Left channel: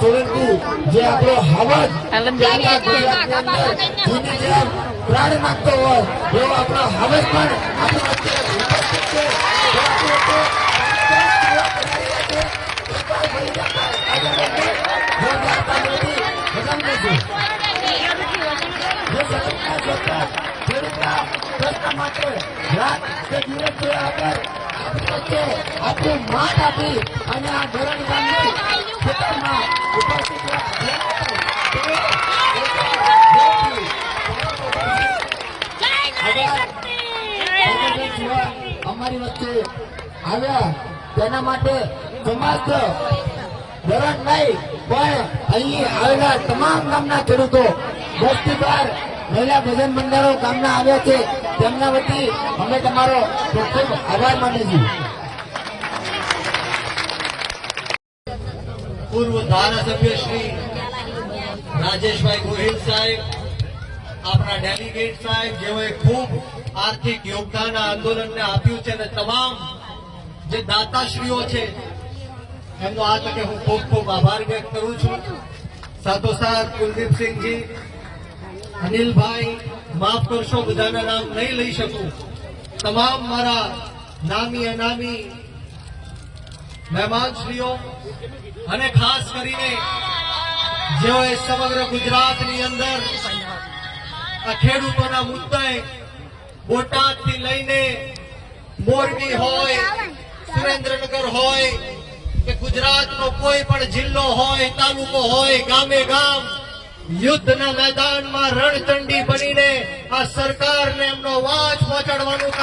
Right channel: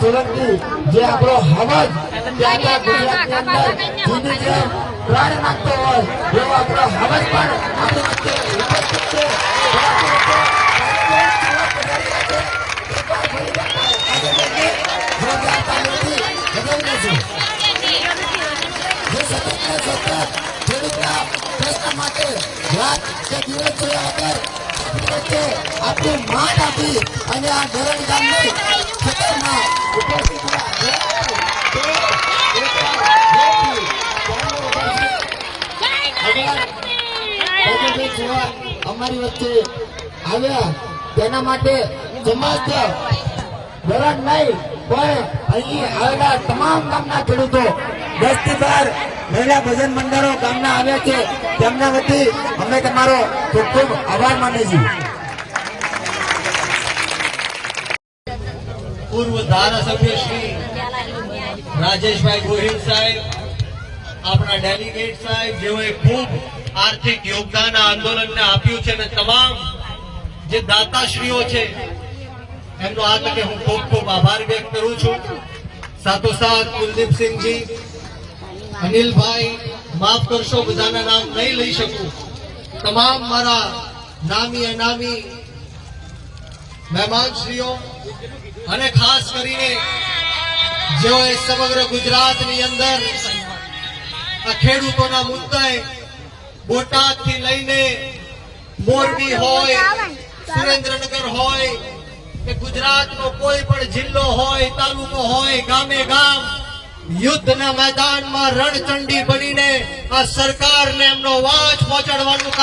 સોલંકી જે આપણો હવજ આખા ગુજરાતની અંદર જૂની પ્રાણ નાખતો હોય એવો આપણો હવજ પણ આપણી વચ્ચે ઉપસ્થિત છે. આપણી માટ આપી અને આ ધોરણ ગામની ખેતરમાં ઉપસ્થિત અમારી વચ્ચે આવ્યા તેના માટે સમાજ ધોરણ નહીં પણ અહીં આવેલા તમામ ગામના ખેડૂતો 10 થી 12 મહિલા ભજન મંડળો ગામના આવ્યા છે. તેમના વતી અમે તમારો ખૂબ ખૂબ આભાર માનીએ છીએ. પૂર્વ ધારાસભ્ય શ્રી રાજેશભાઈ ગોહિલ સાહેબ, આપણા ડેલિગેટ સાહેબ, જેઓએ ખૂબ આર્થિક યોગદાન આ આંદોલનને આપ્યું છે, અને તમામ જે દાતાશ્રીઓ છે એમનો આ તકે હું ખૂબ ખૂબ આભાર વ્યક્ત કરું છું. સાથોસાથ કુલદીપસિંહજી, અનિલભાઈ, માફ કરશો બધાના નામ નહીં લઈ શકું, તમામ મારા નામી અનામી મહેમાનશ્રીઓ, અને ખાસ કરીને જેઓએ સમગ્ર ગુજરાતની અંદર આ ખેડૂતોના મુદ્દાએ બોટાદથી લઈને મોરબી હોય, સુરેન્દ્રનગર હોય કે ગુજરાતનો કોઈ પણ જિલ્લો હોય, તાલુકો હોય, ગામે ગામ યુદ્ધના મેદાનમાં રણચંડી બનીને આ સરકારને એમનો અવાજ પહોંચાડવાનું